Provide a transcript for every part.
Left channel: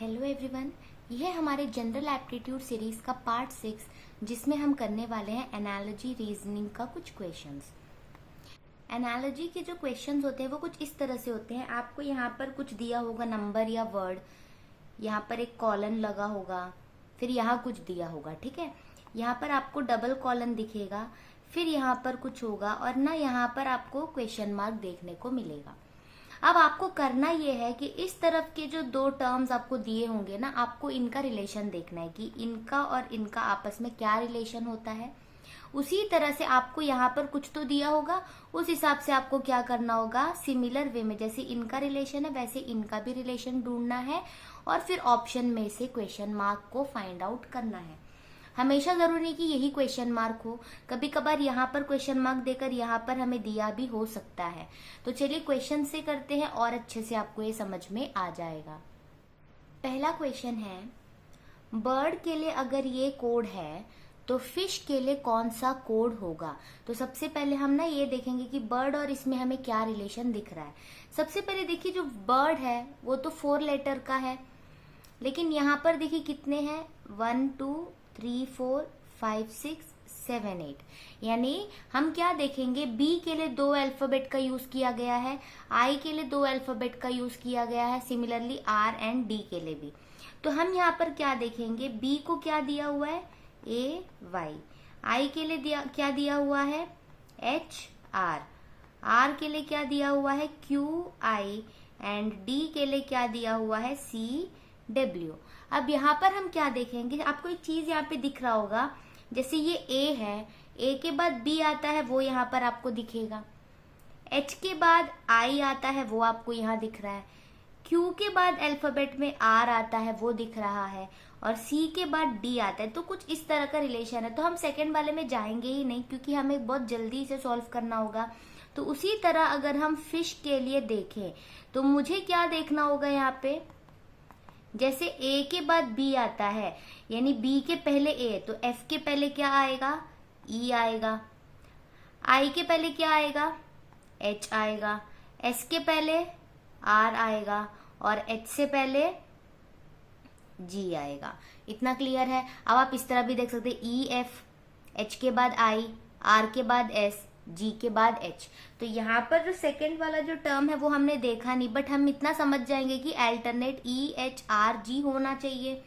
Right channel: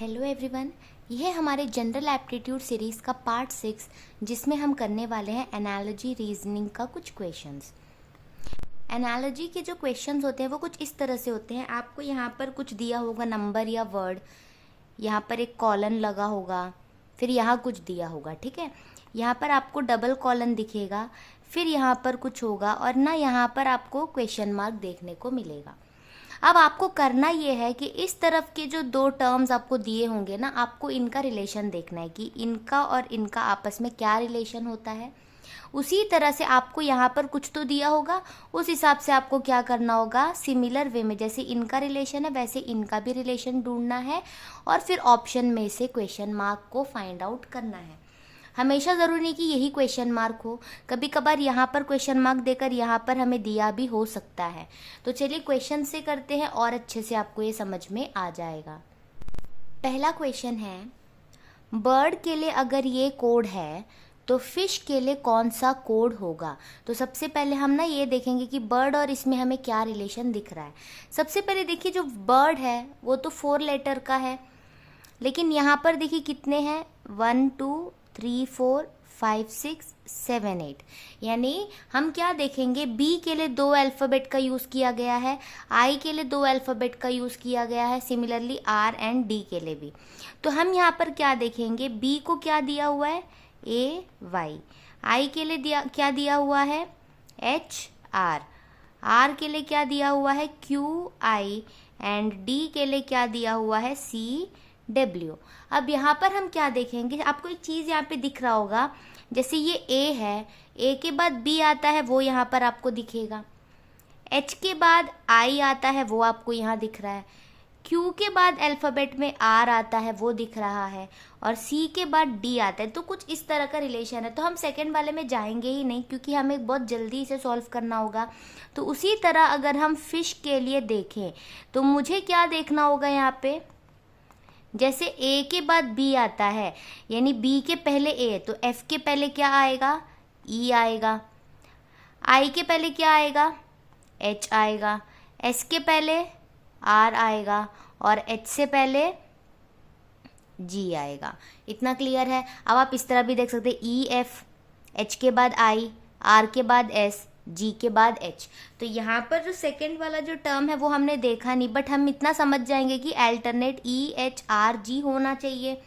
Hello everyone, यह हमारे general aptitude series का पार्ट 6 जिसमें हम करने वाले हैं एनालॉजी रीजनिंग का कुछ क्वेश्चंस। एनालॉजी के जो क्वेश्चंस होते हैं वो कुछ इस तरह से होते हैं। आपको यहाँ पर कुछ दिया होगा नंबर या वर्ड, यहाँ पर एक कॉलन लगा होगा, फिर यहाँ कुछ दिया होगा, ठीक है। यहाँ पर आपको डबल कॉलन दिखेगा, फिर यहाँ पर कुछ होगा और ना यहाँ पर आपको क्वेश्चन मार्क देखने को मिलेगा। अब आपको करना ये है कि इस तरफ के जो दो टर्म्स आपको दिए होंगे ना, आपको इनका रिलेशन देखना है कि इनका और इनका आपस में क्या रिलेशन होता है। उसी तरह से आपको यहाँ पर कुछ तो दिया होगा, उस हिसाब से आपको क्या करना होगा, सिमिलर वे में जैसे इनका रिलेशन है वैसे इनका भी रिलेशन ढूंढना है और फिर ऑप्शन में से क्वेश्चन मार्क को फाइंड आउट करना है। हमेशा ज़रूरी नहीं कि यही क्वेश्चन मार्क हो, कभी कभार यहाँ पर क्वेश्चन मार्क देकर यहाँ पर हमें दिया भी हो सकता है। तो चलिए क्वेश्चन से करते हैं और अच्छे से आपको ये समझ में आ जाएगा। पहला क्वेश्चन है, बर्ड के लिए अगर ये कोड है तो फिश के लिए कौन सा कोड होगा। तो सबसे पहले हम ना ये देखेंगे कि बर्ड और इसमें हमें क्या रिलेशन दिख रहा है। सबसे पहले देखिए, जो बर्ड है वो तो 4 लेटर का है, लेकिन यहाँ पर देखिए कितने हैं, 1 2 3 4 5 6 7 8। यानी हम क्या देखेंगे, बी के लिए 2 अल्फाबेट का यूज किया गया है, आई के लिए 2 अल्फाबेट का यूज किया गया है, सिमिलरली आर एंड डी के लिए भी। तो हम यहाँ पर क्या देखेंगे, बी को क्या दिया हुआ है, ए वाई, आई के लिए क्या दिया हुआ है, एच आर, आर के लिए क्या दिया हुआ है, क्यू आई, एंड डी के लिए क्या दिया हुआ है, सी डब्ल्यू। अब यहाँ पर हम क्या देखेंगे, आपको एक चीज यहाँ पे दिख रहा होगा, जैसे ये ए है, ए के बाद बी आता है वो यहाँ पर आपको दिखेगा, एच के बाद आई आता है वो आपको यहाँ दिख रहा है, क्यू के बाद अल्फाबेट में आर आता है वो दिख रहा है, और सी के बाद डी आता है। तो कुछ इस तरह का रिलेशन है। तो हम सेकंड वाले में जाएंगे ही नहीं क्योंकि हमें बहुत जल्दी इसे सॉल्व करना होगा। तो उसी तरह अगर हम फिश के लिए देखें तो मुझे क्या देखना होगा, यहाँ पे जैसे ए के बाद बी आता है, यानी बी के पहले ए, तो एफ के पहले क्या आएगा, ई आएगा, आई के पहले क्या आएगा, एच आएगा, एस के पहले आर आएगा और एच से पहले जी आएगा। इतना क्लियर है। अब आप इस तरह भी देख सकते हैं, ई एफ, एच के बाद आई, आर के बाद एस, जी के बाद एच। तो यहाँ पर जो सेकंड वाला जो टर्म है वो हमने देखा नहीं, बट हम इतना समझ जाएंगे कि alternate E H R G होना चाहिए।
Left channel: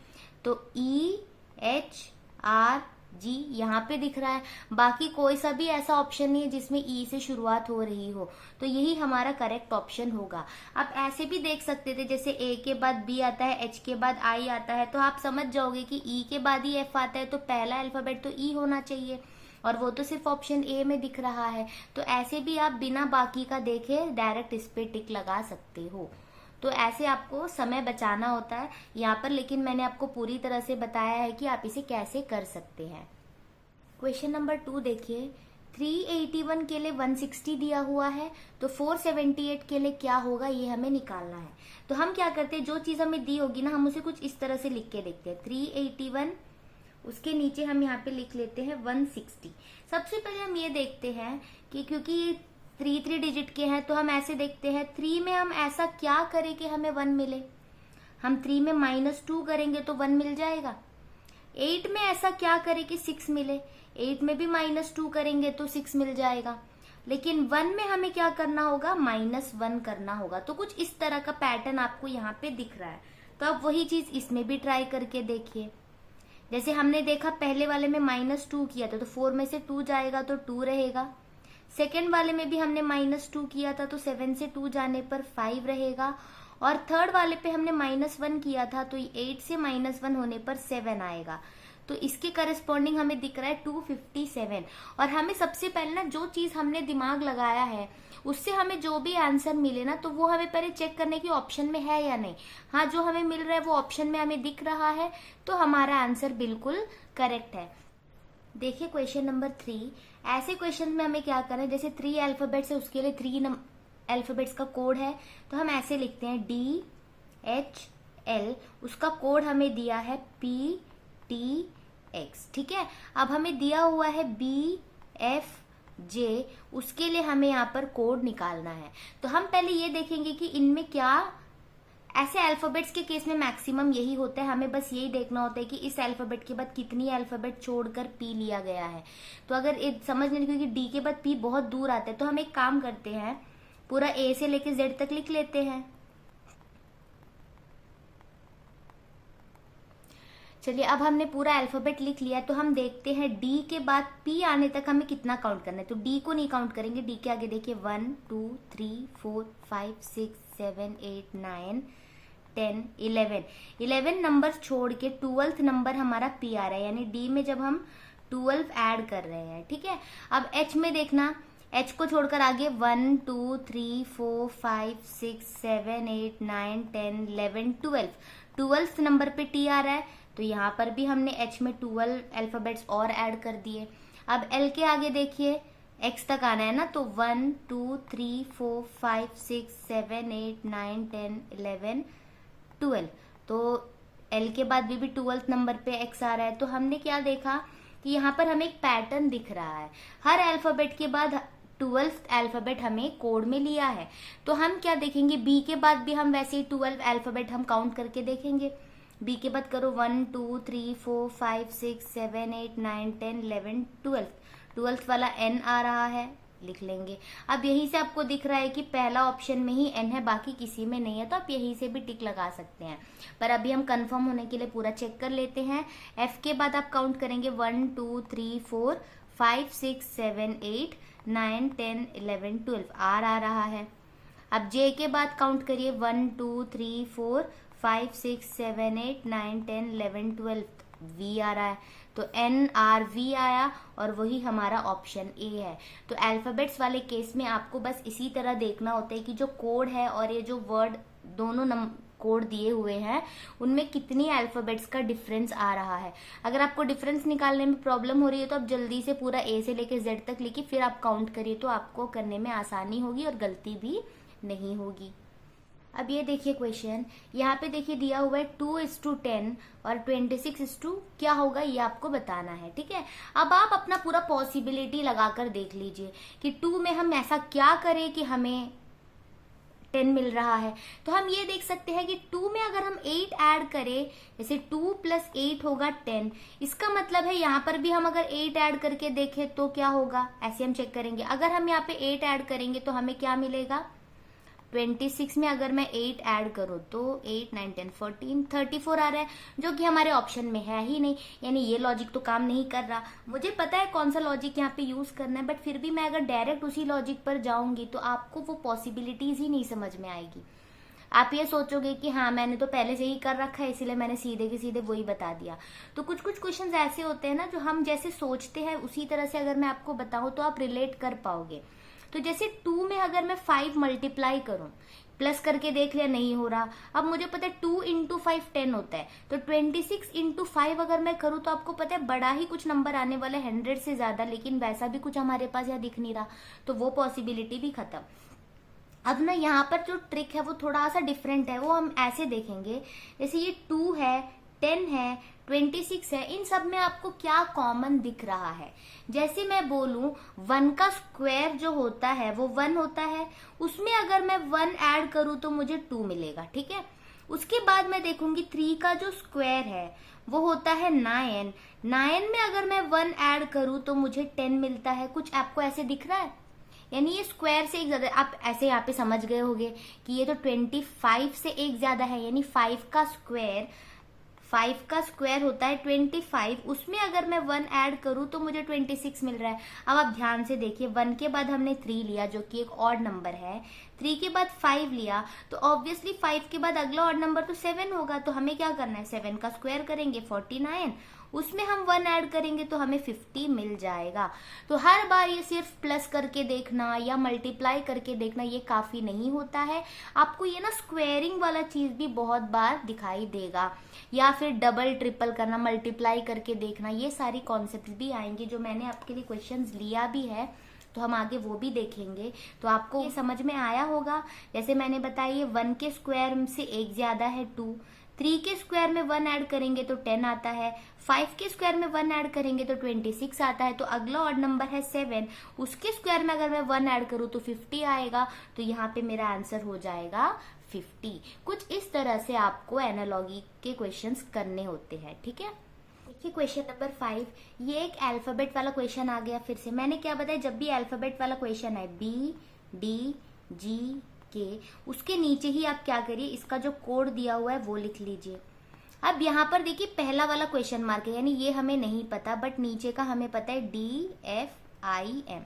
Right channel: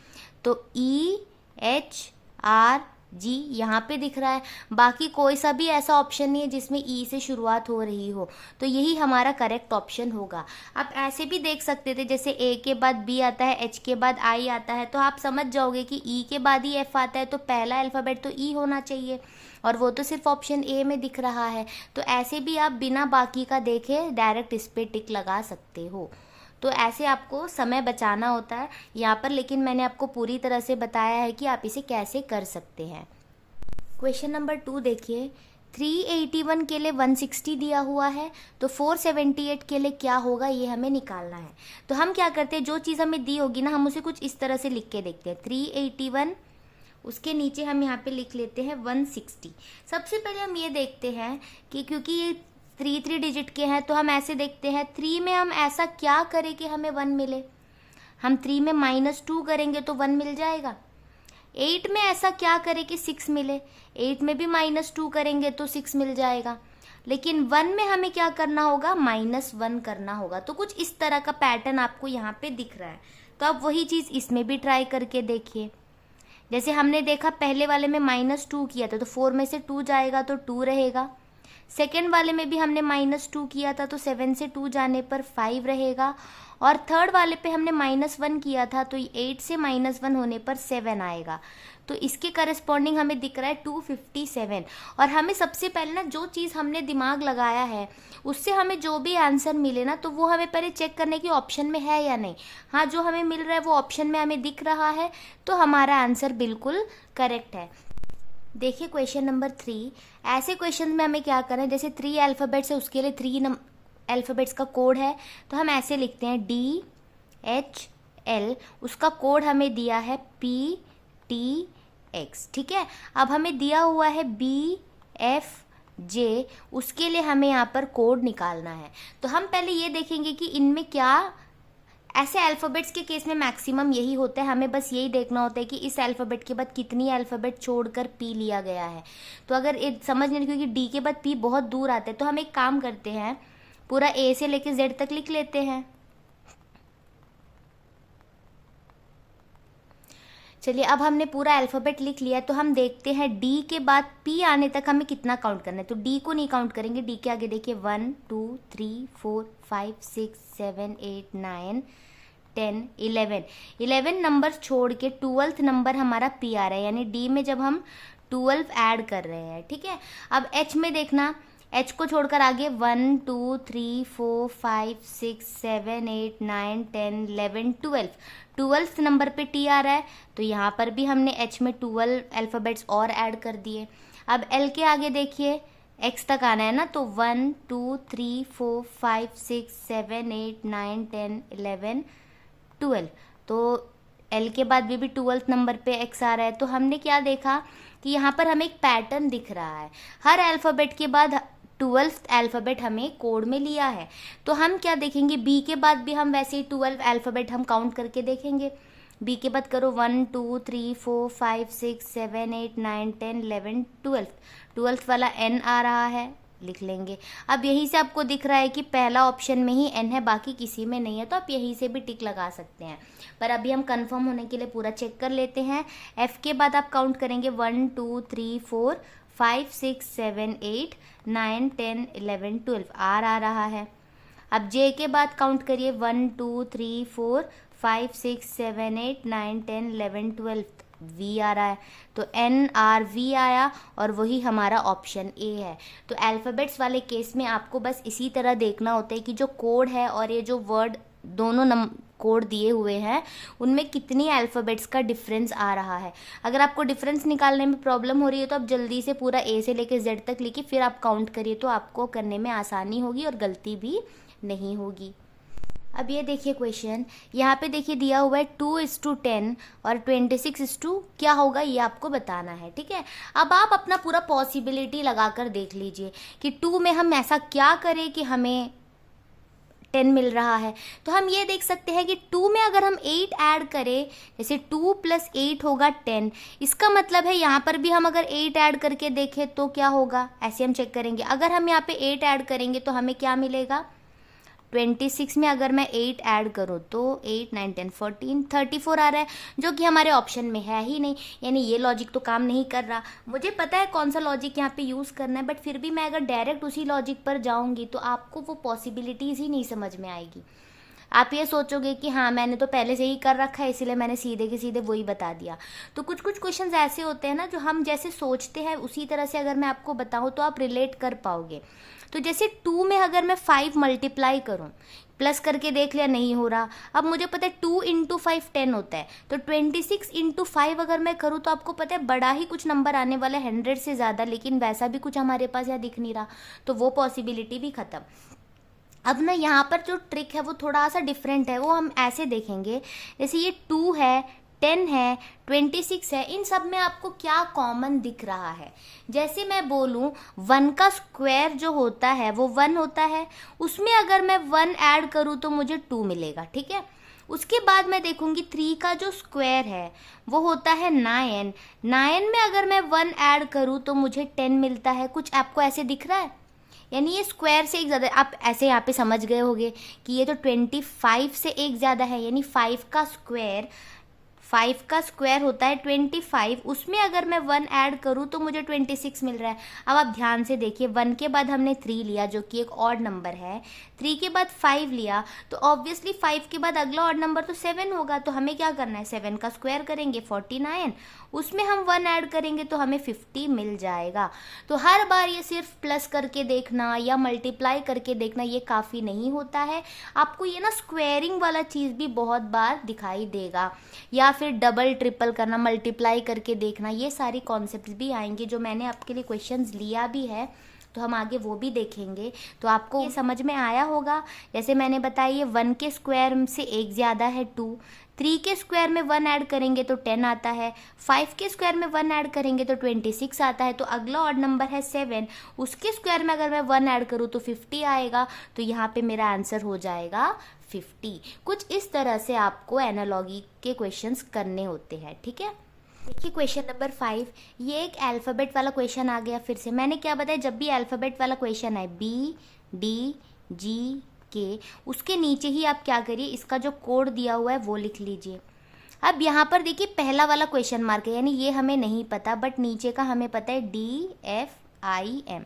तो ई एच आर जी यहाँ पे दिख रहा है, बाकी कोई सा भी ऐसा ऑप्शन नहीं है जिसमें ई से शुरुआत हो रही हो, तो यही हमारा करेक्ट ऑप्शन होगा। आप ऐसे भी देख सकते थे, जैसे ए के बाद बी आता है, एच के बाद आई आता है, तो आप समझ जाओगे कि ई के बाद ही एफ आता है, तो पहला अल्फाबेट तो ई होना चाहिए, और वो तो सिर्फ ऑप्शन ए में दिख रहा है। तो ऐसे भी आप बिना बाकी का देखे डायरेक्ट इस पे टिक लगा सकते हो। तो ऐसे आपको समय बचाना होता है यहाँ पर, लेकिन मैंने आपको पूरी तरह से बताया है कि आप इसे कैसे कर सकते हैं। क्वेश्चन नंबर 2 देखिए, 381 के लिए 160 दिया हुआ है, तो 478 के लिए क्या होगा ये हमें निकालना है। तो हम क्या करते हैं, जो चीज़ हमें दी होगी ना, हम उसे कुछ इस तरह से लिख के देखते हैं। 381, उसके नीचे हम यहाँ पे लिख लेते हैं 160। सबसे पहले हम ये देखते हैं कि क्योंकि 3 डिजिट के हैं, तो हम ऐसे देखते हैं 3 में हम ऐसा क्या करें कि हमें 1 मिले। हम 3 में -2 करेंगे तो 1 मिल जाएगा। 8 में ऐसा क्या करें कि 6 मिले, 8 में भी -2 करेंगे तो 6 मिल जाएगा। लेकिन 1 में हमें क्या करना होगा, -1 करना होगा। तो कुछ इस तरह का पैटर्न आपको यहाँ पे दिख रहा है। तो आप वही चीज इसमें भी ट्राई करके देखिए। जैसे हमने देखा पहले वाले में -2 किया था, तो 4 में से 2 जाएगा तो 2 रहेगा। सेकेंड वाले में भी हमने -2 किया था, तो 7 से 2 जाने पर 5 रहेगा। और थर्ड वाले पे हमने -1 किया था, तो 8 से -1 होने पर 7 आएगा। तो इसके करस्पॉन्डिंग हमें दिख रहा है 257। और हमें सबसे पहले ना जो चीज़ हमने दिमाग लगाया है उससे हमें जो भी आंसर मिले ना, तो वो हमें पहले चेक करने की ऑप्शन में है या नहीं। हाँ, जो हमें मिल रहा है वो ऑप्शन में हमें दिख रहा है, तो हमारा आंसर बिल्कुल करेक्ट है। देखिए क्वेश्चन नंबर 3, ऐसे क्वेश्चन में हमें क्या करना है, जैसे 3 अल्फाबेट्स है उसके लिए 3 अल्फाबेट्स का कोड है, तो हम ऐसे लिखते हैं DHL, उसका कोड हमें दिया है PTX, ठीक है। अब हमें दिया हुआ है BFJ, उसके लिए हमें यहाँ पर कोड निकालना है। तो हम पहले ये देखेंगे कि इनमें क्या ऐसे अल्फ़ाबेट्स के केस में मैक्सिमम यही होता है, हमें बस यही देखना होता है कि इस अल्फ़ाबेट के बाद कितनी अल्फ़ाबेट छोड़कर पी लिया गया है। तो अगर समझ नहीं, क्योंकि डी के बाद पी बहुत दूर आता है, तो हम एक काम करते हैं, पूरा ए से लेके जेड तक लिख लेते हैं। चलिए, अब हमने पूरा अल्फ़ाबेट लिख लिया, तो हम देखते हैं डी के बाद पी आने तक हमें कितना काउंट करना है। तो डी को नहीं काउंट करेंगे, डी के आगे देखिए 1 2 3 4 5 6 7 8 9 10 11 नंबर छोड़ के 12th नंबर हमारा पी आ रहा है, यानी डी में जब हम 12 ऐड कर रहे हैं। ठीक है, अब एच में देखना, एच को छोड़कर आगे 1 2 3 4 5 6 7 8 9 10 11 12th नंबर पे टी आ रहा है, तो यहाँ पर भी हमने एच में 12 अल्फ़ाबेट्स और ऐड कर दिए। अब एल के आगे देखिए एक्स तक आना है ना, तो 1 2 3 4 5 6 7 8 9 10 11 12, तो एल के बाद भी 12th नंबर पे एक्स आ रहा है। तो हमने क्या देखा कि यहाँ पर हमें एक पैटर्न दिख रहा है, हर अल्फ़ाबेट के बाद 12th अल्फ़ाबेट हमें कोड में लिया है। तो हम क्या देखेंगे, बी के बाद भी हम वैसे ही 12 अल्फ़ाबेट हम काउंट करके देखेंगे। बी के बाद करो 1 2 3 4 5 6 7 8 9 10 11 12th वाला एन आ रहा है, लिख लेंगे। अब यही से आपको दिख रहा है कि पहला ऑप्शन में ही एन है, बाकी किसी में नहीं है, तो आप यही से भी टिक लगा सकते हैं। पर अभी हम कंफर्म होने के लिए पूरा चेक कर लेते हैं। एफ के बाद आप काउंट करेंगे 1 2 3 4 5 6 7 8 9 10 11 12, आर आ रहा है। अब जे के बाद काउंट करिए 1 2 3 4 5 6 7 8 9 10 11 12, वी आ रहा है, तो एन आर वी आया और वही हमारा ऑप्शन ए है। तो अल्फ़ाबेट्स वाले केस में आपको बस इसी तरह देखना होता है कि जो कोड है और ये जो वर्ड दोनों कोड दिए हुए हैं उनमें कितनी अल्फ़ाबेट्स का डिफरेंस आ रहा है। अगर आपको डिफरेंस निकालने में प्रॉब्लम हो रही है तो आप जल्दी से पूरा ए से लेके जेड तक लिखिए, फिर आप काउंट करिए, तो आपको करने में आसानी होगी और गलती भी नहीं होगी। अब ये देखिए क्वेश्चन, यहाँ पे देखिए दिया हुआ है 2:10 और 26:, क्या होगा ये आपको बताना है। ठीक है, अब आप अपना पूरा पॉसिबिलिटी लगाकर देख लीजिए कि 2 में हम ऐसा क्या करें कि हमें 10 मिल रहा है। तो हम ये देख सकते हैं कि 2 में अगर हम 8 ऐड करें, जैसे 2 + 8 होगा 10, इसका मतलब है यहाँ पर भी हम अगर 8 ऐड करके देखें तो क्या होगा, ऐसे हम चेक करेंगे। अगर हम यहाँ पे 8 ऐड करेंगे तो हमें क्या मिलेगा, 26 में अगर मैं 8 ऐड करूँ तो 8 9 10 14 34 आ रहा है, जो कि हमारे ऑप्शन में है ही नहीं, यानी ये लॉजिक तो काम नहीं कर रहा। मुझे पता है कौन सा लॉजिक यहाँ पे यूज़ करना है, बट फिर भी मैं अगर डायरेक्ट उसी लॉजिक पर जाऊँगी तो आपको वो पॉसिबिलिटीज़ ही नहीं समझ में आएगी। आप ये सोचोगे कि हाँ मैंने तो पहले से ही कर रखा है इसलिए मैंने सीधे के सीधे वही बता दिया। तो कुछ कुछ क्वेश्चंस ऐसे होते हैं ना, जो हम जैसे सोचते हैं उसी तरह से अगर मैं आपको बताऊँ तो आप रिलेट कर पाओगे। तो जैसे 2 में अगर मैं 5 मल्टीप्लाई करूँ, प्लस करके देख लिया नहीं हो रहा, अब मुझे पता है 2 × 5 10 होता है, तो 26 × 5 अगर मैं करूँ तो आपको पता है बड़ा ही कुछ नंबर आने वाला है, 100 से ज़्यादा, लेकिन वैसा भी कुछ हमारे पास यहाँ दिख नहीं रहा, तो वो पॉसिबिलिटी भी खत्म। अब ना यहाँ पर जो ट्रिक है वो थोड़ा सा डिफरेंट है, वो हम ऐसे देखेंगे, जैसे ये 2 है, 10 है, 26 है, इन सब में आपको क्या कॉमन दिख रहा है। जैसे मैं बोलूं 1 का स्क्वायर जो होता है वो 1 होता है, उसमें अगर मैं 1 ऐड करूं तो मुझे 2 मिलेगा। ठीक है, उसके बाद मैं देखूंगी 3 का जो स्क्वायर है वो होता है 9 में अगर मैं 1 ऐड करूं तो मुझे 10 मिलता है। कुछ आपको ऐसे दिख रहा है, यानी ये स्क्वायर से एक ज़्यादा, आप ऐसे यहाँ पे समझ गए होंगे कि ये तो 25 से एक ज़्यादा है, यानी 5 का स्क्वायर होता है 25, उसमें अगर मैं 1 ऐड करूँ तो मुझे 26 मिल रहा है। अब आप ध्यान से देखिए, 1 के बाद हमने 3 लिया जो कि एक ऑड नंबर है, 3 के बाद 5 लिया, तो ऑब्वियसली 5 के बाद अगला ऑड नंबर तो 7 होगा, तो हमें क्या करना है, 7 का स्क्वायर करेंगे 49, उसमें हम 1 ऐड करेंगे तो हमें 50 मिल जाएगा। तो हर बार ये सिर्फ प्लस करके देखना या मल्टीप्लाई करके देखना ये काफ़ी नहीं होता है, आपको ये ना स्क्वेयरिंग वाला चीज़ भी बहुत बार दिखाई देगा, या फिर डबल ट्रिपल करना, मल्टीप्लाई करके देखना, ये सारी कॉन्सेप्ट्स भी आएंगे जो मैंने आपके लिए क्वेश्चंस लिया भी है, तो हम आगे वो भी देखेंगे। तो आपको ये समझ में आया होगा, जैसे मैंने बताया ये 1 के स्क्वायर से एक ज़्यादा है 2, 3 के स्क्वायर में 1 ऐड करेंगे तो 10 आता है, 5 के स्क्वायर में 1 ऐड करेंगे तो 26 आता है, तो अगला ऑड नंबर है 7, उसके स्क्वायर में अगर मैं 1 ऐड करूँ तो 50 आएगा, तो यहाँ पे मेरा आंसर हो जाएगा 50। कुछ इस तरह से आपको एनालॉजी के क्वेश्चंस करने होते हैं, ठीक है। देखिए क्वेश्चन नंबर 5, ये एक अल्फाबेट वाला क्वेश्चन आ गया। फिर से मैंने क्या बताया, जब भी अल्फाबेट वाला क्वेश्चन है BDGK, उसके नीचे ही आप क्या करिए, इसका जो कोड दिया हुआ है वो लिख लीजिए। अब यहाँ पर देखिए पहला वाला क्वेश्चन मार्क है, यानी ये हमें नहीं पता, बट नीचे का हमें पता है DFIM।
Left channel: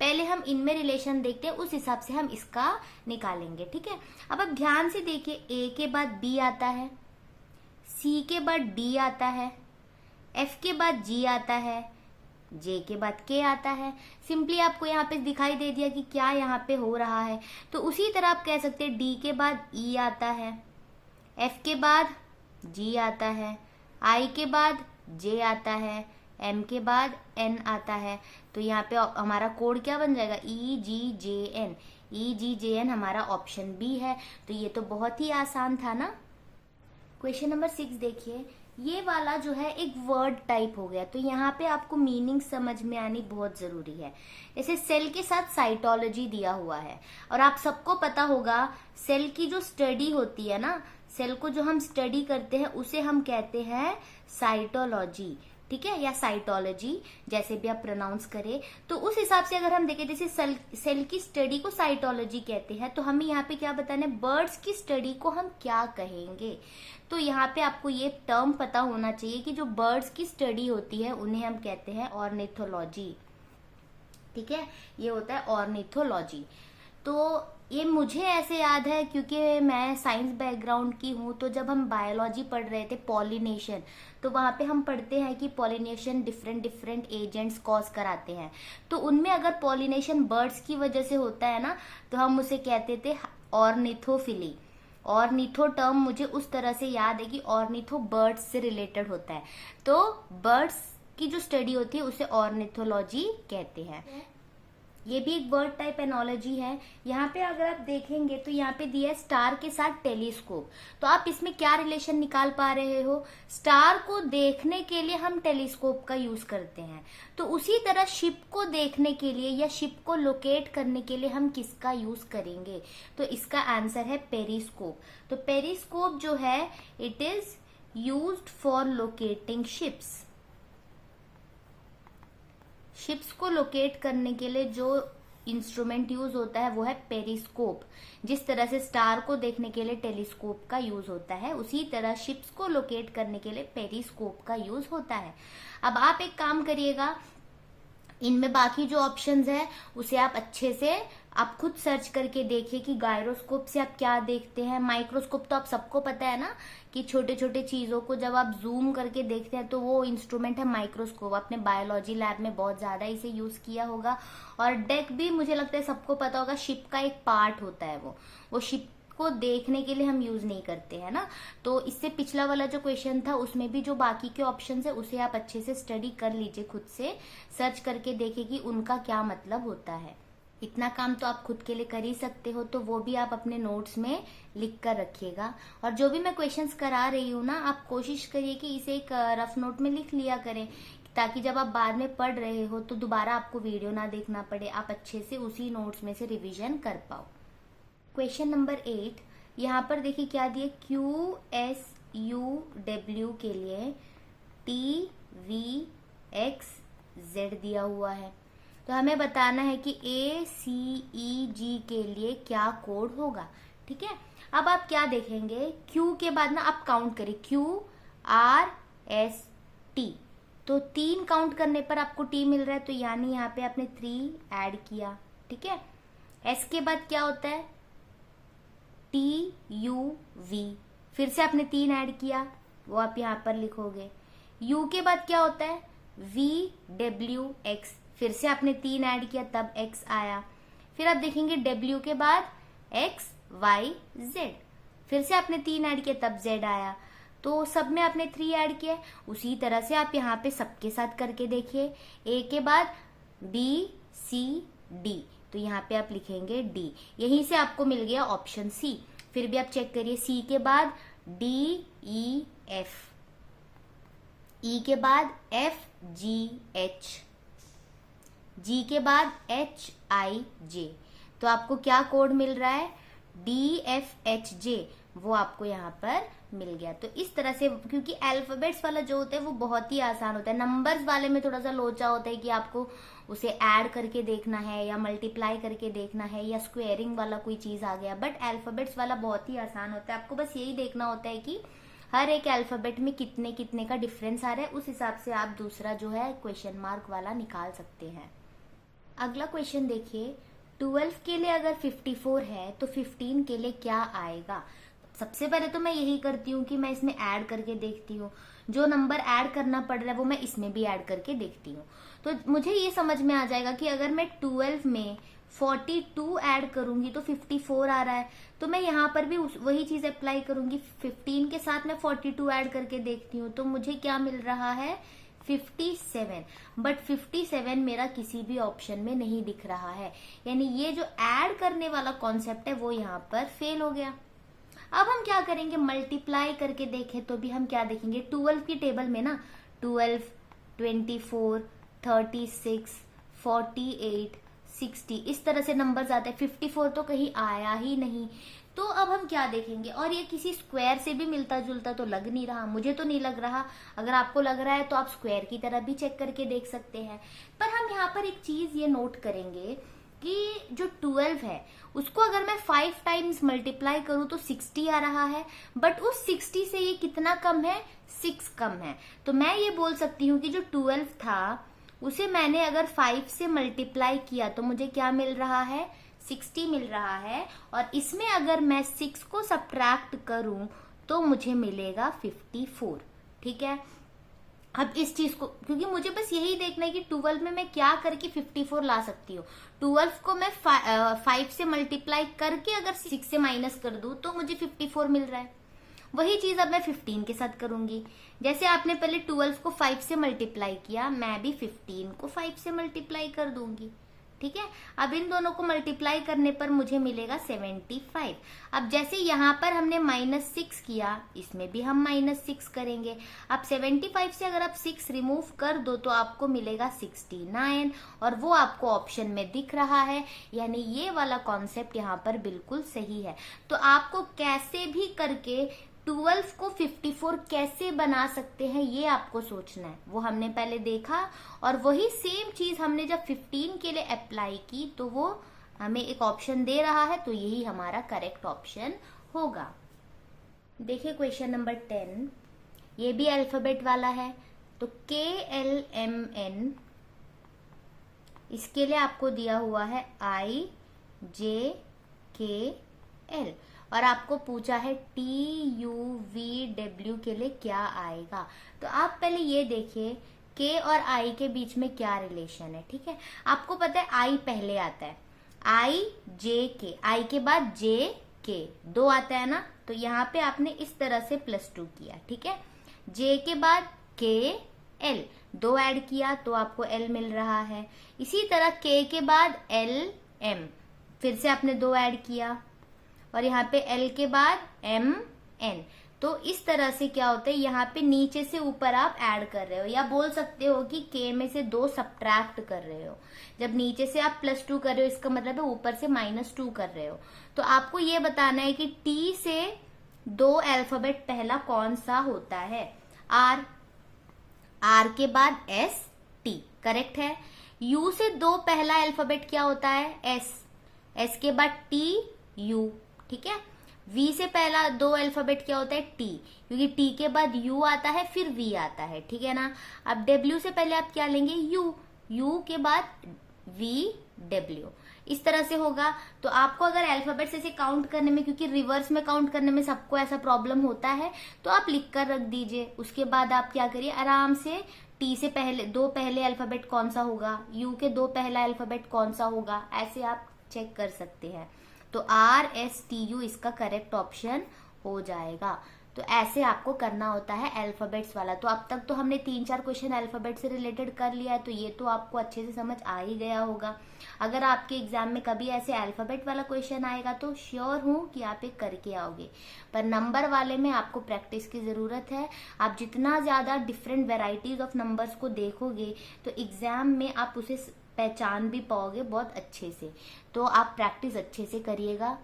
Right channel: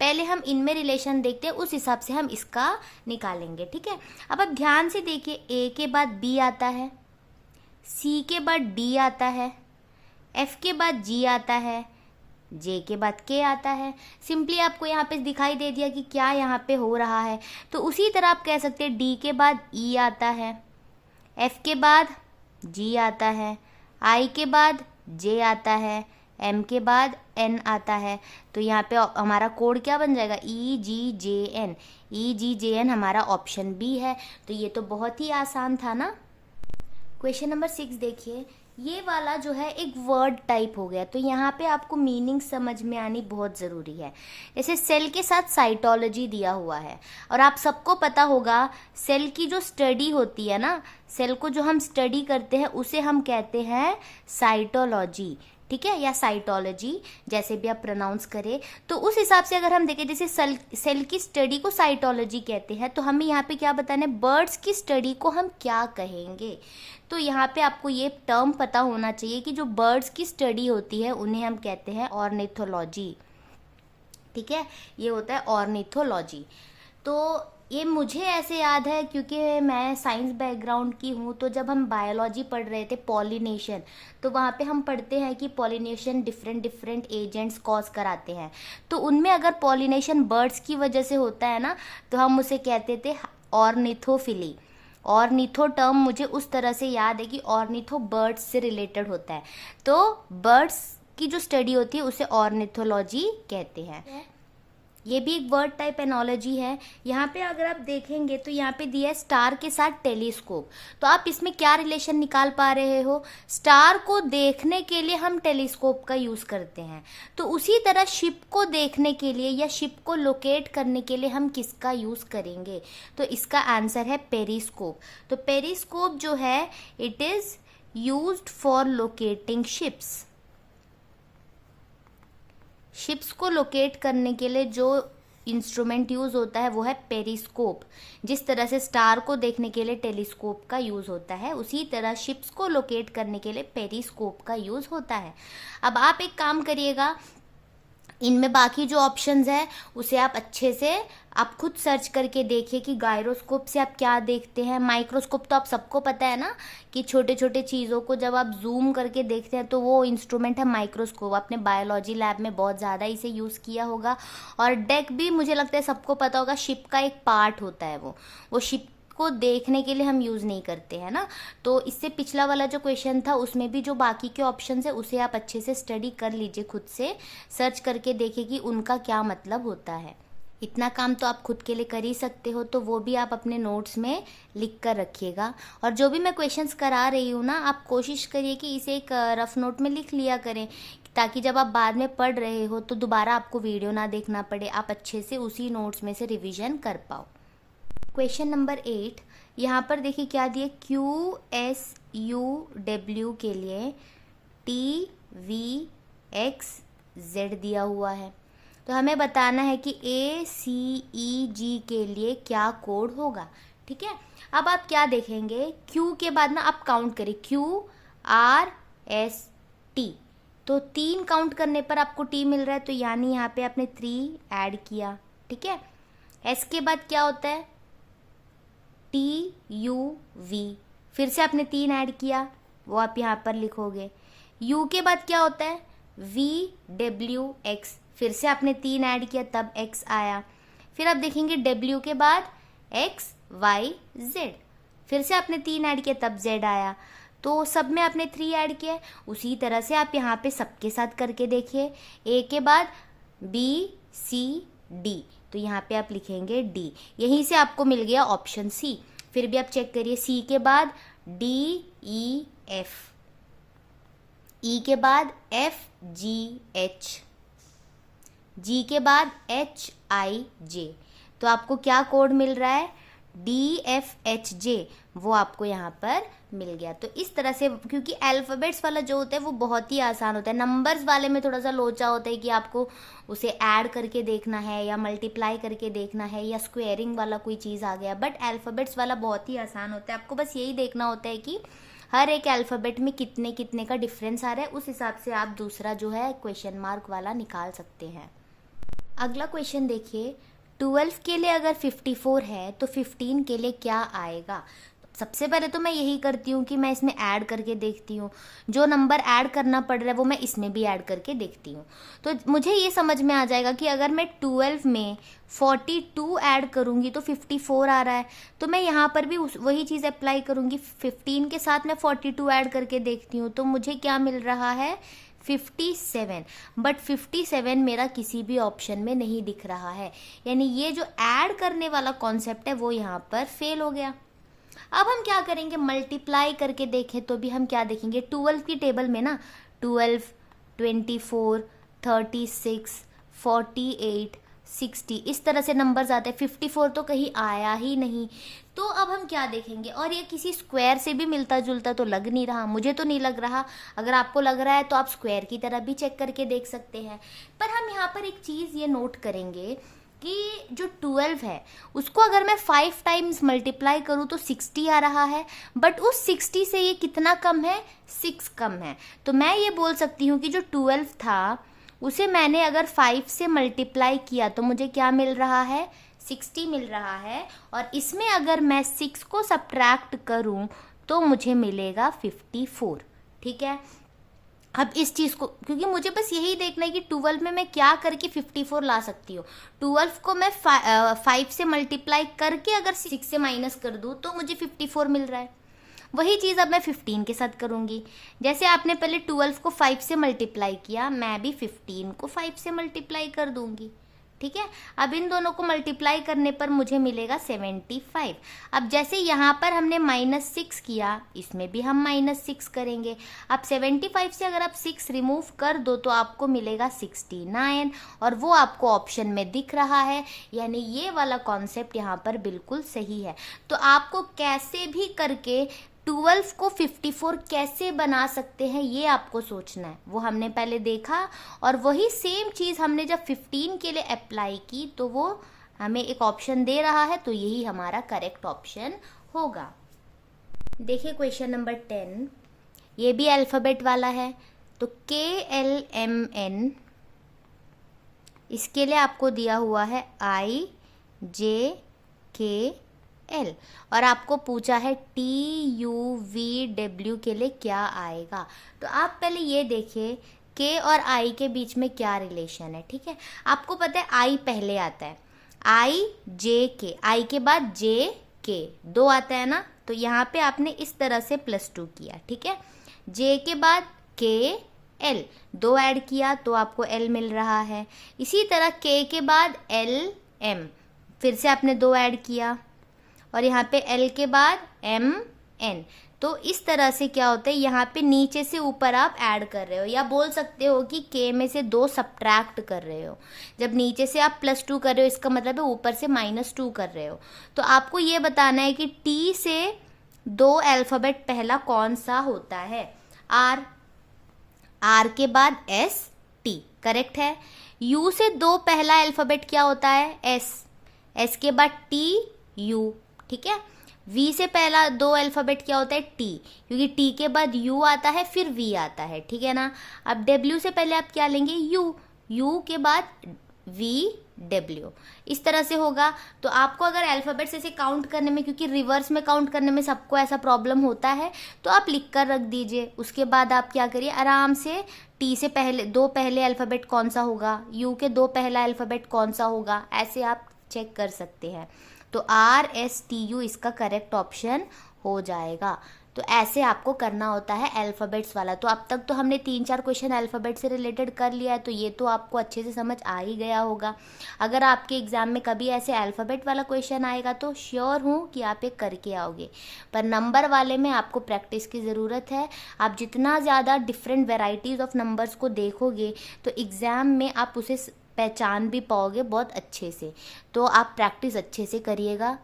पहले हम इनमें रिलेशन देखते हैं, उस हिसाब से हम इसका निकालेंगे, ठीक है। अब आप ध्यान से देखिए, A के बाद B आता है, C के बाद D आता है, F के बाद G आता है, J के बाद K आता है। सिंपली आपको यहाँ पे दिखाई दे दिया कि क्या यहाँ पे हो रहा है। तो उसी तरह आप कह सकते हैं D के बाद E आता है, F के बाद G आता है, I के बाद J आता है, M के बाद N आता है। तो यहाँ पे हमारा कोड क्या बन जाएगा, EGJN। EGJN हमारा ऑप्शन बी है। तो ये तो बहुत ही आसान था ना। क्वेश्चन नंबर 6 देखिए, ये वाला जो है एक वर्ड टाइप हो गया, तो यहाँ पे आपको मीनिंग समझ में आनी बहुत ज़रूरी है। जैसे सेल के साथ साइटोलॉजी दिया हुआ है, और आप सबको पता होगा सेल की जो स्टडी होती है ना, सेल को जो हम स्टडी करते हैं उसे हम कहते हैं साइटोलॉजी, ठीक है, या साइटोलॉजी, जैसे भी आप प्रोनाउंस करें। तो उस हिसाब से अगर हम देखें, जैसे सेल की स्टडी को साइटोलॉजी कहते हैं, तो हमें यहाँ पे क्या बताना है, बर्ड्स की स्टडी को हम क्या कहेंगे। तो यहाँ पे आपको ये टर्म पता होना चाहिए कि जो बर्ड्स की स्टडी होती है उन्हें हम कहते हैं ऑर्निथोलॉजी, ठीक है, ये होता है ऑर्निथोलॉजी। तो ये मुझे ऐसे याद है क्योंकि मैं साइंस बैकग्राउंड की हूँ। तो जब हम बायोलॉजी पढ़ रहे थे पॉलिनेशन, तो वहाँ पे हम पढ़ते हैं कि पॉलिनेशन डिफरेंट एजेंट्स कॉज कराते हैं। तो उनमें अगर पॉलिनेशन बर्ड्स की वजह से होता है ना, तो हम उसे कहते थे ऑर्निथोफिली। ऑर्निथो टर्म मुझे उस तरह से याद है कि ऑर्निथो बर्ड्स से रिलेटेड होता है। तो बर्ड्स की जो स्टडी होती है उसे ऑर्निथोलॉजी कहते हैं। ये भी एक वर्ड टाइप एनोलॉजी है। यहाँ पे अगर आप देखेंगे तो यहाँ पे दिया है स्टार के साथ टेलीस्कोप। तो आप इसमें क्या रिलेशन निकाल पा रहे हो, स्टार को देखने के लिए हम टेलीस्कोप का यूज करते हैं, तो उसी तरह शिप को देखने के लिए या शिप को लोकेट करने के लिए हम किसका यूज करेंगे। तो इसका आंसर है पेरिस्कोप। तो पेरिस्कोप जो है it is used for locating ships. Ships को लोकेट करने के लिए जो इंस्ट्रूमेंट यूज होता है वो है पेरिस्कोप। जिस तरह से स्टार को देखने के लिए टेलीस्कोप का यूज होता है, उसी तरह शिप्स को लोकेट करने के लिए पेरिस्कोप का यूज होता है। अब आप एक काम करिएगा, इनमें बाकी जो ऑप्शंस है उसे आप अच्छे से आप खुद सर्च करके देखिए कि गायरोस्कोप से आप क्या देखते हैं। माइक्रोस्कोप तो आप सबको पता है ना कि छोटे छोटे चीज़ों को जब आप जूम करके देखते हैं तो वो इंस्ट्रूमेंट है माइक्रोस्कोप। आपने बायोलॉजी लैब में बहुत ज़्यादा इसे यूज़ किया होगा। और डेक भी मुझे लगता है सबको पता होगा, शिप का एक पार्ट होता है वो शिप को देखने के लिए हम यूज़ नहीं करते हैं ना। तो इससे पिछला वाला जो क्वेश्चन था उसमें भी जो बाकी के ऑप्शंस है उसे आप अच्छे से स्टडी कर लीजिए, खुद से सर्च करके देखिए कि उनका क्या मतलब होता है। इतना काम तो आप खुद के लिए कर ही सकते हो, तो वो भी आप अपने नोट्स में लिख कर रखिएगा। और जो भी मैं क्वेश्चंस करा रही हूँ ना, आप कोशिश करिए कि इसे एक रफ नोट में लिख लिया करें, ताकि जब आप बाद में पढ़ रहे हो तो दोबारा आपको वीडियो ना देखना पड़े, आप अच्छे से उसी नोट्स में से रिविजन कर पाओ। क्वेश्चन नंबर 8, यहाँ पर देखिए क्या दिए, QSUW के लिए TVXZ दिया हुआ है। तो हमें बताना है कि ACEG के लिए क्या कोड होगा, ठीक है। अब आप क्या देखेंगे, Q के बाद ना आप काउंट करें, QRST, तो 3 काउंट करने पर आपको T मिल रहा है, तो यानी यहाँ पे आपने 3 ऐड किया, ठीक है। S के बाद क्या होता है, TUV, फिर से आपने 3 ऐड किया, वो आप यहाँ पर लिखोगे। U के बाद क्या होता है, VWX, फिर से आपने 3 ऐड किया तब X आया। फिर आप देखेंगे W के बाद XYZ, फिर से आपने 3 ऐड किया तब Z आया। तो सब में आपने 3 ऐड किया। उसी तरह से आप यहाँ पे सबके साथ करके देखिए। A के बाद BCD, तो यहाँ पे आप लिखेंगे D, यहीं से आपको मिल गया ऑप्शन C। फिर भी आप चेक करिए, C के बाद DEF, E के बाद FGH, G के बाद HIJ, तो आपको क्या कोड मिल रहा है, DFHJ वो आपको यहाँ पर मिल गया। तो इस तरह से, क्योंकि अल्फाबेट्स वाला जो होता है वो बहुत ही आसान होता है, नंबर्स वाले में थोड़ा सा लोचा होता है कि आपको उसे ऐड करके देखना है या मल्टीप्लाई करके देखना है या स्क्वेयरिंग वाला कोई चीज़ आ गया, बट अल्फाबेट्स वाला बहुत ही आसान होता है। आपको बस यही देखना होता है कि हर एक अल्फाबेट में कितने कितने का डिफरेंस आ रहा है, उस हिसाब से आप दूसरा जो है क्वेश्चन मार्क वाला निकाल सकते हैं। अगला क्वेश्चन देखिए, 12 के लिए अगर 54 है तो 15 के लिए क्या आएगा। सबसे पहले तो मैं यही करती हूँ कि मैं इसमें ऐड करके देखती हूँ, जो नंबर ऐड करना पड़ रहा है वो मैं इसमें भी ऐड करके देखती हूँ। तो मुझे ये समझ में आ जाएगा कि अगर मैं 12 में 42 ऐड करूँगी तो 54 आ रहा है, तो मैं यहाँ पर भी वही चीज़ अप्लाई करूँगी। 15 के साथ मैं 42 ऐड करके देखती हूँ तो मुझे क्या मिल रहा है, 57। बट 57 मेरा किसी भी ऑप्शन में नहीं दिख रहा है, यानी ये जो ऐड करने वाला कॉन्सेप्ट है वो यहाँ पर फेल हो गया। अब हम क्या करेंगे, मल्टीप्लाई करके देखें तो भी हम क्या देखेंगे, 12 की टेबल में ना 12, 24, 36, 48, 60 इस तरह से नंबर्स आते हैं, 54 तो कहीं आया ही नहीं। तो अब हम क्या देखेंगे, और ये किसी स्क्वायर से भी मिलता जुलता तो लग नहीं रहा, मुझे तो नहीं लग रहा। अगर आपको लग रहा है तो आप स्क्वायर की तरह भी चेक करके देख सकते हैं। पर हम यहाँ पर एक चीज़ ये नोट करेंगे कि जो 12 है उसको अगर मैं 5 टाइम्स मल्टीप्लाई करूँ तो 60 आ रहा है, बट उस 60 से ये कितना कम है, 6 कम है। तो मैं ये बोल सकती हूँ कि जो 12 था उसे मैंने अगर 5 से मल्टीप्लाई किया तो मुझे क्या मिल रहा है, 60 मिल रहा है, और इसमें अगर मैं 6 को सब्ट्रैक्ट करूँ तो मुझे मिलेगा 54। ठीक है, अब इस चीज़ को, क्योंकि मुझे बस यही देखना है कि 12 में मैं क्या करके 54 ला सकती हूँ। 12 को मैं 5 से मल्टीप्लाई करके अगर 6 से माइनस कर दूँ तो मुझे 54 मिल रहा है। वही चीज़ अब मैं 15 के साथ करूँगी। जैसे आपने पहले 12 को 5 से मल्टीप्लाई किया, मैं भी 15 को 5 से मल्टीप्लाई कर दूंगी। ठीक है, अब इन दोनों को मल्टीप्लाई करने पर मुझे मिलेगा 75। अब जैसे यहाँ पर हमने -6 किया, इसमें भी हम -6 करेंगे। अब 75 से अगर आप 6 रिमूव कर दो तो आपको मिलेगा 69, और वो आपको ऑप्शन में दिख रहा है, यानी ये वाला कॉन्सेप्ट यहाँ पर बिल्कुल सही है। तो आपको कैसे भी करके 12 को 54 कैसे बना सकते हैं ये आपको सोचना है, वो हमने पहले देखा, और वही सेम चीज़ हमने जब 15 के लिए अप्लाई की तो वो हमें एक ऑप्शन दे रहा है, तो यही हमारा करेक्ट ऑप्शन होगा। देखिए क्वेश्चन नंबर 10, ये भी अल्फ़ाबेट वाला है। तो KLMN, इसके लिए आपको दिया हुआ है IJKL, और आपको पूछा है TUVW के लिए क्या आएगा। तो आप पहले ये देखिए K और I के बीच में क्या रिलेशन है। ठीक है, आपको पता है I पहले आता है, IJK, I के बाद JK 2 आता है ना, तो यहाँ पे आपने इस तरह से +2 किया। ठीक है, J के बाद KL 2 ऐड किया तो आपको L मिल रहा है। इसी तरह K के बाद LM, फिर से आपने 2 ऐड किया, और यहाँ पे L के बाद MN। तो इस तरह से क्या होता है, यहाँ पे नीचे से ऊपर आप ऐड कर रहे हो, या बोल सकते हो कि K में से 2 सब्ट्रैक्ट कर रहे हो। जब नीचे से आप +2 कर रहे हो, इसका मतलब है ऊपर से -2 कर रहे हो। तो आपको ये बताना है कि T से 2 अल्फ़ाबेट पहला कौन सा होता है, R के बाद ST, करेक्ट है। U से 2 पहला अल्फ़ाबेट क्या होता है, S के बाद TU। ठीक है, V से पहला 2 अल्फ़ाबेट क्या होता है, T, क्योंकि T के बाद U आता है फिर V आता है। ठीक है ना। अब W से पहले आप क्या लेंगे, U के बाद VW, इस तरह से होगा। तो आपको अगर अल्फ़ाबेट्स ऐसे काउंट करने में, क्योंकि रिवर्स में काउंट करने में सबको ऐसा प्रॉब्लम होता है, तो आप लिख कर रख दीजिए। उसके बाद आप क्या करिए, आराम से T से पहले 2 पहले अल्फ़ाबेट कौन सा होगा, U के 2 पहला अल्फ़ाबेट कौन सा होगा, ऐसे आप चेक कर सकते हैं। तो RSTU इसका करेक्ट ऑप्शन हो जाएगा। तो ऐसे आपको करना होता है अल्फ़ाबेट्स वाला। तो अब तक तो हमने 3-4 क्वेश्चन अल्फ़ाबेट से रिलेटेड कर लिया है, तो ये तो आपको अच्छे से समझ आ ही गया होगा। अगर आपके एग्जाम में कभी ऐसे अल्फ़ाबेट वाला क्वेश्चन आएगा तो श्योर हूँ कि आप ये करके आओगे, पर नंबर वाले में आपको प्रैक्टिस की ज़रूरत है। आप जितना ज़्यादा डिफरेंट वेराइटीज़ ऑफ नंबर्स को देखोगे तो एग्ज़ाम में आप उसे पहचान भी पाओगे बहुत अच्छे से। तो आप प्रैक्टिस अच्छे से करिएगा।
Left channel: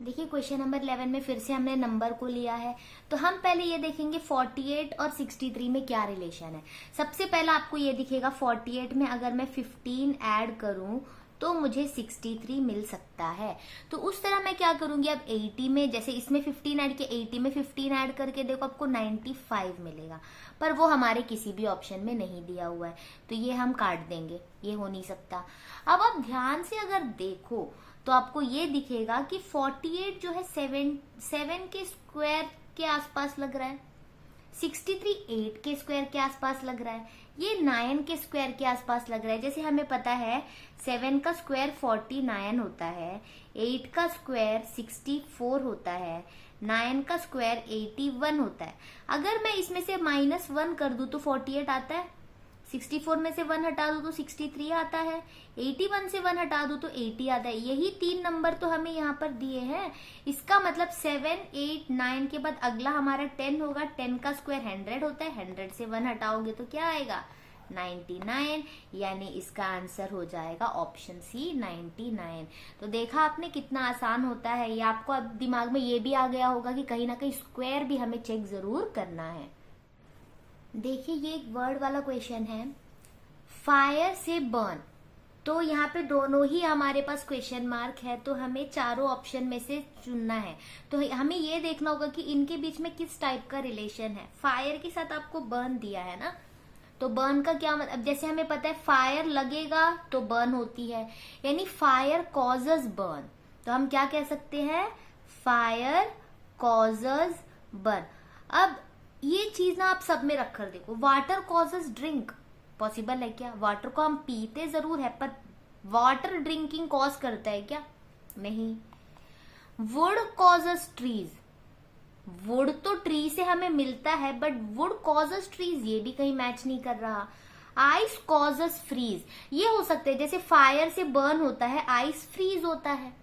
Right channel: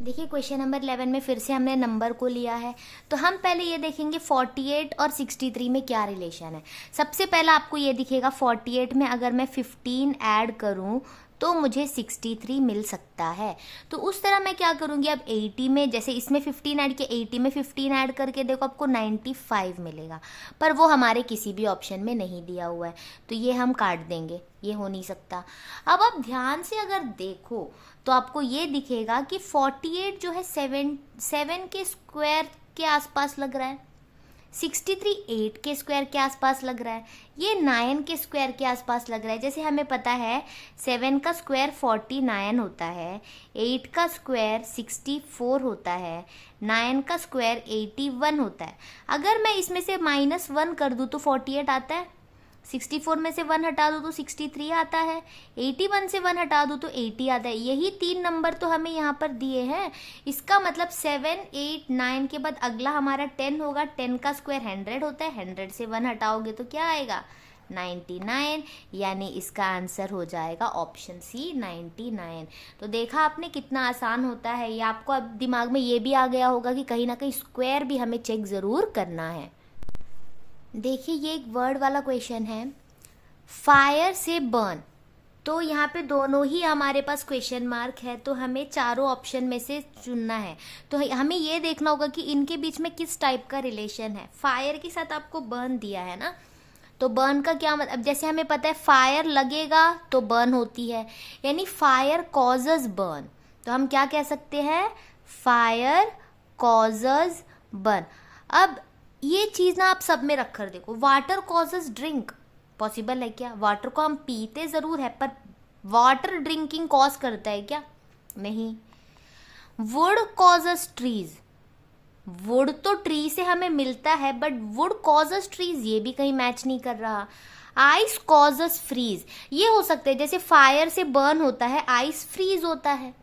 देखिए क्वेश्चन नंबर 11 में फिर से हमने नंबर को लिया है, तो हम पहले ये देखेंगे 48 और 63 में क्या रिलेशन है। सबसे पहला आपको ये दिखेगा 48 में अगर मैं 15 ऐड करूं तो मुझे 63 मिल सकता है। तो उस तरह मैं क्या करूंगी, अब 80 में जैसे इसमें 15 ऐड किया, 80 में 15 ऐड करके देखो आपको 95 मिलेगा, पर वो हमारे किसी भी ऑप्शन में नहीं दिया हुआ है, तो ये हम काट देंगे, ये हो नहीं सकता। अब आप ध्यान से अगर देखो तो आपको ये दिखेगा कि 48 जो है 7 के स्क्वायर के आसपास लग रहा है, 63 8 के स्क्वायर के आसपास लग रहा है, ये 9 के स्क्वायर के आसपास लग रहा है। जैसे हमें पता है 7 का स्क्वायर 49 होता है, 8 का स्क्वायर 64 होता है, 9 का स्क्वायर 81 होता है। अगर मैं इसमें से -1 कर दूं तो 48 आता है, 64 में से 1 हटा दूं तो 63 आता है, 81 से 1 हटा दूं तो 80 आता है। यही 3 नंबर तो हमें यहाँ पर दिए हैं। इसका मतलब 7 8 9 के बाद अगला हमारा 10 होगा, 10 का स्क्वायर 100 होता है, 100 से 1 हटाओगे तो क्या आएगा 99, यानी इसका आंसर हो जाएगा ऑप्शन सी 99। तो देखा आपने कितना आसान होता है ये। आपको अब दिमाग में ये भी आ गया होगा कि कहीं ना कहीं स्क्वायर भी हमें चेक जरूर करना है। देखिए ये एक वर्ड वाला क्वेश्चन है, फायर से बर्न। तो यहाँ पे दोनों ही हमारे पास क्वेश्चन मार्क है, तो हमें चारों ऑप्शन में से चुनना है। तो हमें ये देखना होगा कि इनके बीच में किस टाइप का रिलेशन है। फायर के साथ आपको बर्न दिया है ना, तो बर्न का क्या मतलब, जैसे हमें पता है फायर लगेगा तो बर्न होती है, यानी फायर कॉजेज बर्न। तो हम क्या कह सकते हैं, फायर कॉजेज बर्न। अब ये चीज ना आप सब में रख कर देखो, वाटर कॉजेज ड्रिंक, पॉसिबल है क्या? वाटर को हम पीते जरूर है, पर वाटर ड्रिंकिंग कॉज करता है क्या? नहीं। वुड कॉजेज ट्रीज, वुड तो ट्री से हमें मिलता है, बट वुड कॉजेज ट्रीज ये भी कहीं मैच नहीं कर रहा। आइस कॉजेज फ्रीज, ये हो सकता है, जैसे फायर से बर्न होता है, आइस फ्रीज होता है,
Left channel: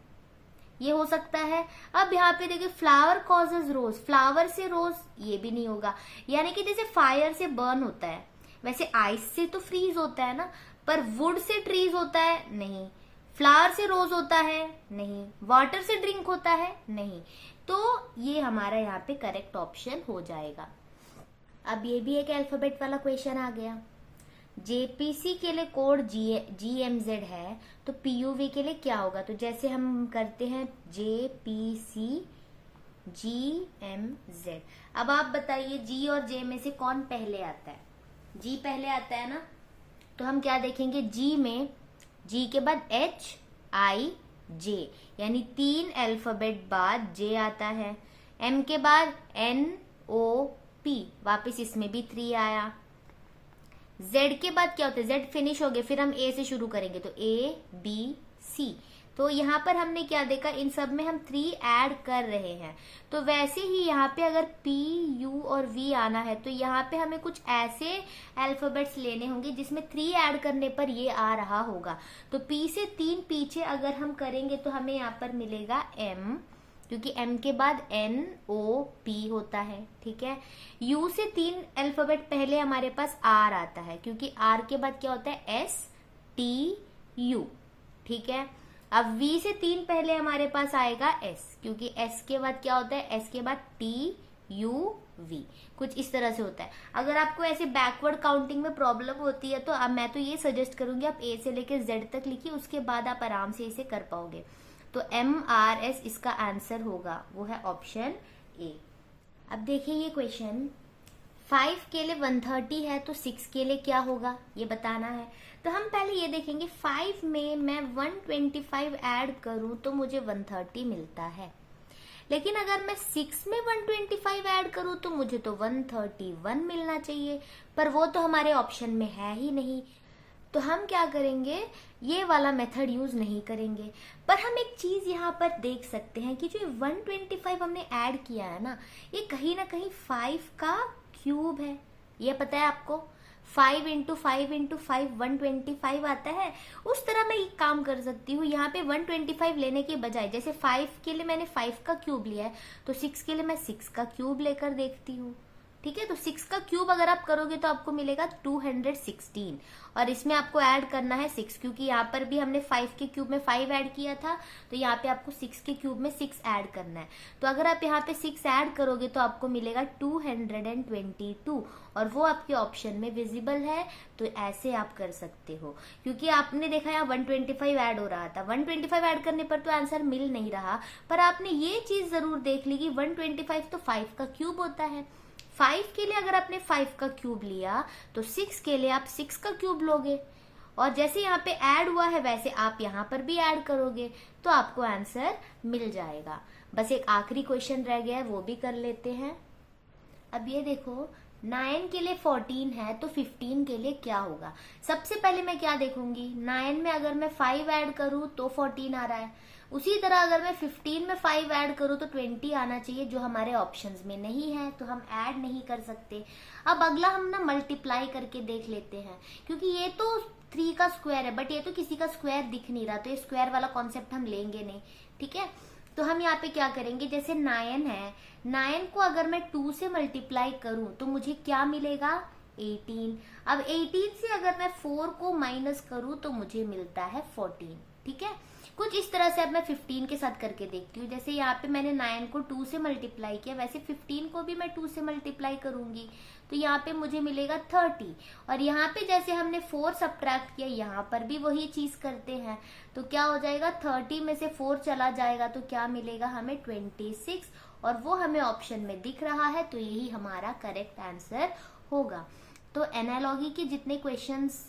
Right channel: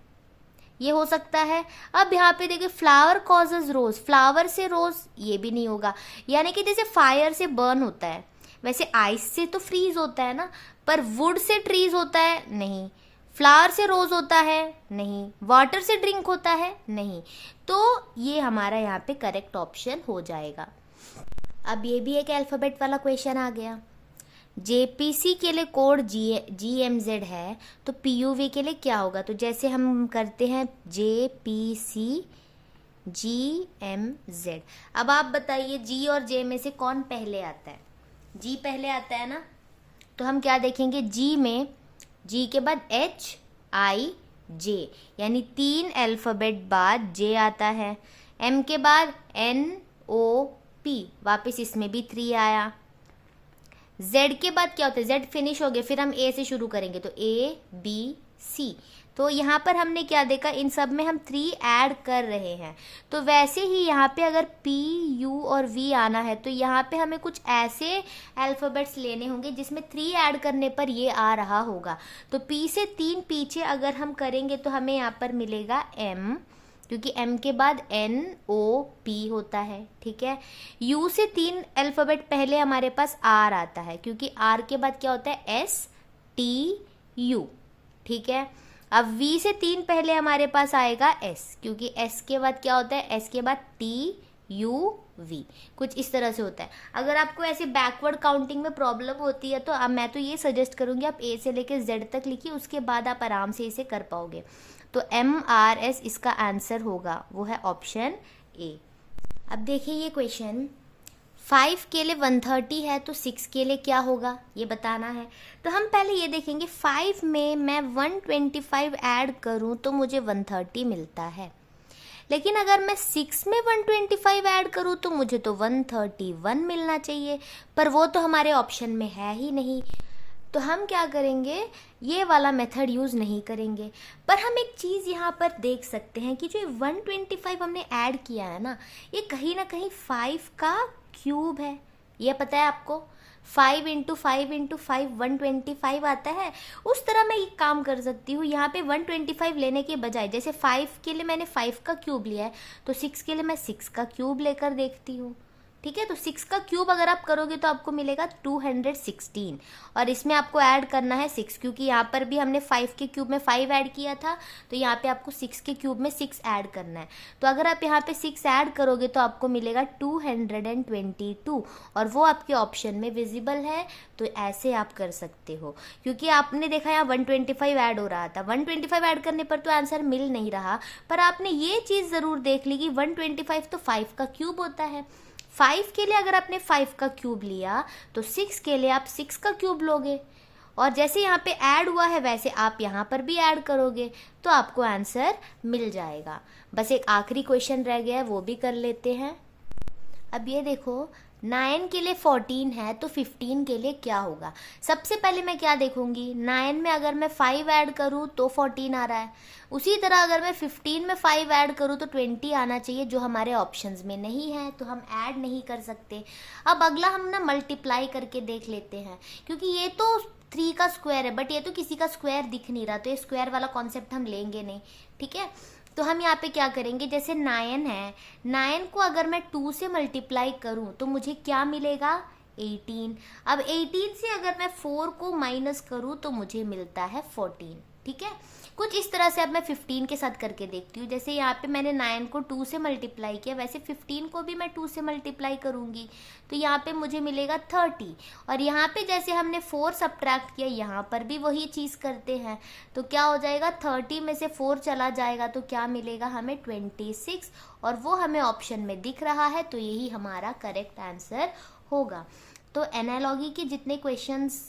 ये हो सकता है। अब यहाँ पे देखिए फ्लावर कॉजेज रोज, फ्लावर से रोज, ये भी नहीं होगा। यानी कि जैसे फायर से बर्न होता है, वैसे आइस से तो फ्रीज होता है ना, पर वुड से ट्रीज होता है नहीं, फ्लावर से रोज होता है नहीं, वाटर से ड्रिंक होता है नहीं। तो ये हमारा यहाँ पे करेक्ट ऑप्शन हो जाएगा। अब ये भी एक अल्फाबेट वाला क्वेश्चन आ गया। जेपीसी के लिए कोड GMZ है, तो PUV के लिए क्या होगा? तो जैसे हम करते हैं JPC GMZ। अब आप बताइए G और J में से कौन पहले आता है? G पहले आता है ना, तो हम क्या देखेंगे, G में G के बाद HIJ, यानी 3 अल्फाबेट बाद J आता है। M के बाद NOP, वापस इसमें भी 3 आया। Z के बाद क्या होता है, Z फिनिश हो गया, फिर हम A से शुरू करेंगे, तो ABC। तो यहाँ पर हमने क्या देखा, इन सब में हम 3 ऐड कर रहे हैं। तो वैसे ही यहाँ पे अगर P, U और V आना है, तो यहाँ पे हमें कुछ ऐसे अल्फाबेट्स लेने होंगे जिसमें 3 ऐड करने पर ये आ रहा होगा। तो P से 3 पीछे अगर हम करेंगे तो हमें यहाँ पर मिलेगा M, क्योंकि M के बाद NOP होता है, ठीक है। U से 3 अल्फाबेट पहले हमारे पास R आता है, क्योंकि R के बाद क्या होता है STU, ठीक है। अब V से 3 पहले हमारे पास आएगा S, क्योंकि S के बाद क्या होता है, S के बाद TUV, कुछ इस तरह से होता है। अगर आपको ऐसे बैकवर्ड काउंटिंग में प्रॉब्लम होती है तो अब मैं तो ये सजेस्ट करूंगी आप A से लेकर Z तक लिखिए, उसके बाद आप आराम से इसे कर पाओगे। तो MRS इसका आंसर होगा, वो है ऑप्शन A। अब देखिए ये क्वेश्चन, 5 के लिए 130 है, तो 6 के लिए क्या होगा ये बताना है। तो हम पहले ये देखेंगे, 5 में मैं 125 ऐड करूं तो मुझे 130 मिलता है, लेकिन अगर मैं 6 में 125 ऐड करूं तो मुझे तो 131 मिलना चाहिए, पर वो तो हमारे ऑप्शन में है ही नहीं। तो हम क्या करेंगे, ये वाला मेथड यूज नहीं करेंगे। पर हम एक चीज यहाँ पर देख सकते हैं कि जो 125 हमने ऐड किया है ना, ये कहीं ना कहीं 5 का क्यूब है, ये पता है आपको। 5 इंटू 5 इंटू 5 125 आता है। उस तरह मैं एक काम कर सकती हूँ, यहाँ पे 125 लेने के बजाय, जैसे 5 के लिए मैंने 5 का क्यूब लिया है, तो 6 के लिए मैं 6 का क्यूब लेकर देखती हूँ, ठीक है। तो 6 का क्यूब अगर आप करोगे तो आपको मिलेगा 216, और इसमें आपको ऐड करना है 6, क्योंकि यहाँ पर भी हमने 5 के क्यूब में 5 ऐड किया था, तो यहाँ पे आपको 6 के क्यूब में 6 ऐड करना है। तो अगर आप यहाँ पे 6 ऐड करोगे तो आपको मिलेगा 222, और वो आपके ऑप्शन में विजिबल है, तो ऐसे आप कर सकते हो। क्योंकि आपने देखा यहाँ 125 ऐड हो रहा था, 125 ऐड करने पर तो आंसर मिल नहीं रहा, पर आपने ये चीज जरूर देख ली कि 125 तो 5 का क्यूब होता है। 5 के लिए अगर आपने 5 का क्यूब लिया तो 6 के लिए आप 6 का क्यूब लोगे, और जैसे यहाँ पे ऐड हुआ है वैसे आप यहाँ पर भी ऐड करोगे, तो आपको आंसर मिल जाएगा। बस एक आखिरी क्वेश्चन रह गया है, वो भी कर लेते हैं। अब ये देखो, 9 के लिए 14 है तो 15 के लिए क्या होगा। सबसे पहले मैं क्या देखूंगी, 9 में अगर मैं 5 ऐड करूं तो 14 आ रहा है, उसी तरह अगर मैं 15 में 5 ऐड करूं तो 20 आना चाहिए, जो हमारे ऑप्शंस में नहीं है, तो हम ऐड नहीं कर सकते। अब अगला हम ना मल्टीप्लाई करके देख लेते हैं, क्योंकि ये तो 3 का स्क्वायर है, बट ये तो किसी का स्क्वायर दिख नहीं रहा, तो ये स्क्वायर वाला कॉन्सेप्ट हम लेंगे नहीं, ठीक है। तो हम यहाँ पे क्या करेंगे, जैसे 9 है, 9 को अगर मैं 2 से मल्टीप्लाई करूं तो मुझे क्या मिलेगा, 18। अब 18 से अगर मैं 4 को माइनस करूं तो मुझे मिलता है 14, ठीक है। कुछ इस तरह से अब मैं 15 के साथ करके देखती हूँ। जैसे यहाँ पे मैंने 9 को 2 से मल्टीप्लाई किया, वैसे 15 को भी मैं 2 से मल्टीप्लाई करूंगी, तो यहाँ पे मुझे मिलेगा 30। और यहाँ पे जैसे हमने 4 सब्ट्रैक्ट किया, यहाँ पर भी वही चीज करते हैं, तो क्या हो जाएगा, 30 में से 4 चला जाएगा तो क्या मिलेगा हमें, 26, और वो हमें ऑप्शन में दिख रहा है, तो यही हमारा करेक्ट आंसर होगा। तो एनालॉजी के जितने क्वेश्चंस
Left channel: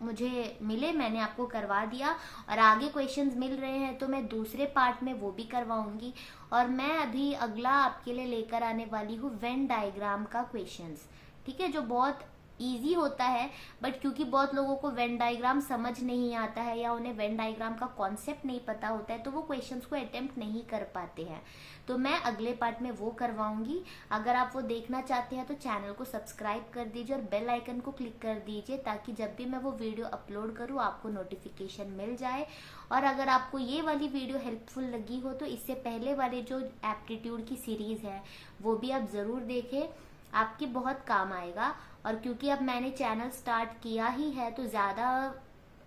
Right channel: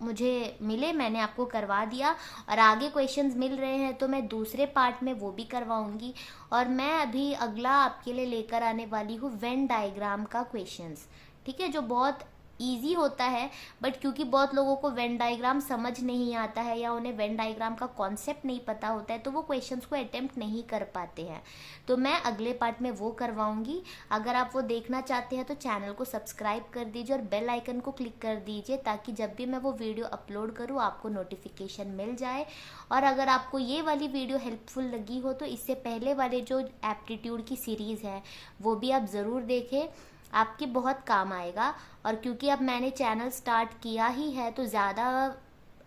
मुझे मिले मैंने आपको करवा दिया, और आगे क्वेश्चंस मिल रहे हैं तो मैं दूसरे पार्ट में वो भी करवाऊंगी। और मैं अभी अगला आपके लिए लेकर आने वाली हूँ वेन डायग्राम का क्वेश्चंस, ठीक है, जो बहुत इजी होता है, बट क्योंकि बहुत लोगों को वेन डायग्राम समझ नहीं आता है या उन्हें वेन डायग्राम का कॉन्सेप्ट नहीं पता होता है, तो वो क्वेश्चंस को अटेम्प्ट नहीं कर पाते हैं, तो मैं अगले पार्ट में वो करवाऊंगी। अगर आप वो देखना चाहते हैं तो चैनल को सब्सक्राइब कर दीजिए और बेल आइकन को क्लिक कर दीजिए, ताकि जब भी मैं वो वीडियो अपलोड करूँ आपको नोटिफिकेशन मिल जाए। और अगर आपको ये वाली वीडियो हेल्पफुल लगी हो तो इससे पहले वाले जो एप्टीट्यूड की सीरीज है वो भी आप ज़रूर देखें, आपके बहुत काम आएगा। और क्योंकि अब मैंने चैनल स्टार्ट किया ही है तो ज़्यादा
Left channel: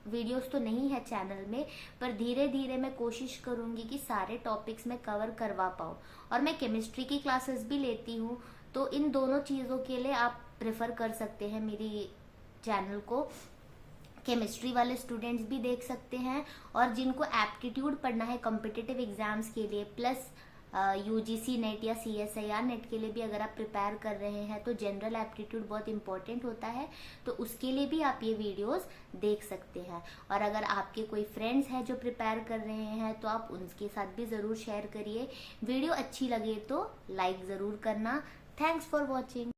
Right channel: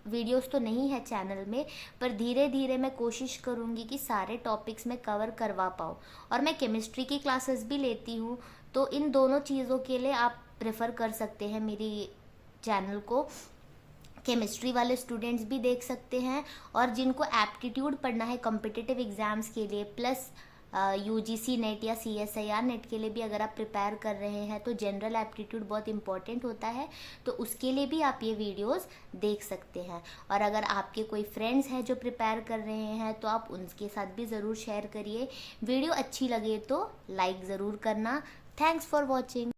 वीडियोस तो नहीं है चैनल में, पर धीरे धीरे मैं कोशिश करूंगी कि सारे टॉपिक्स में कवर करवा पाऊँ। और मैं केमिस्ट्री की क्लासेस भी लेती हूँ, तो इन दोनों चीज़ों के लिए आप प्रेफर कर सकते हैं मेरी चैनल को। केमिस्ट्री वाले स्टूडेंट्स भी देख सकते हैं, और जिनको एप्टीट्यूड पढ़ना है कॉम्पिटिटिव एग्जाम्स के लिए, प्लस यूजीसी नेट या CSIR नेट के लिए भी अगर आप प्रिपेयर कर रहे हैं, तो जनरल एप्टीट्यूड बहुत इंपॉर्टेंट होता है, तो उसके लिए भी आप ये वीडियोस देख सकते हैं। और अगर आपके कोई फ्रेंड्स हैं जो प्रिपेयर कर रहे हैं तो आप उनके साथ भी ज़रूर शेयर करिए। वीडियो अच्छी लगे तो लाइक ज़रूर करना। Thanks for watching.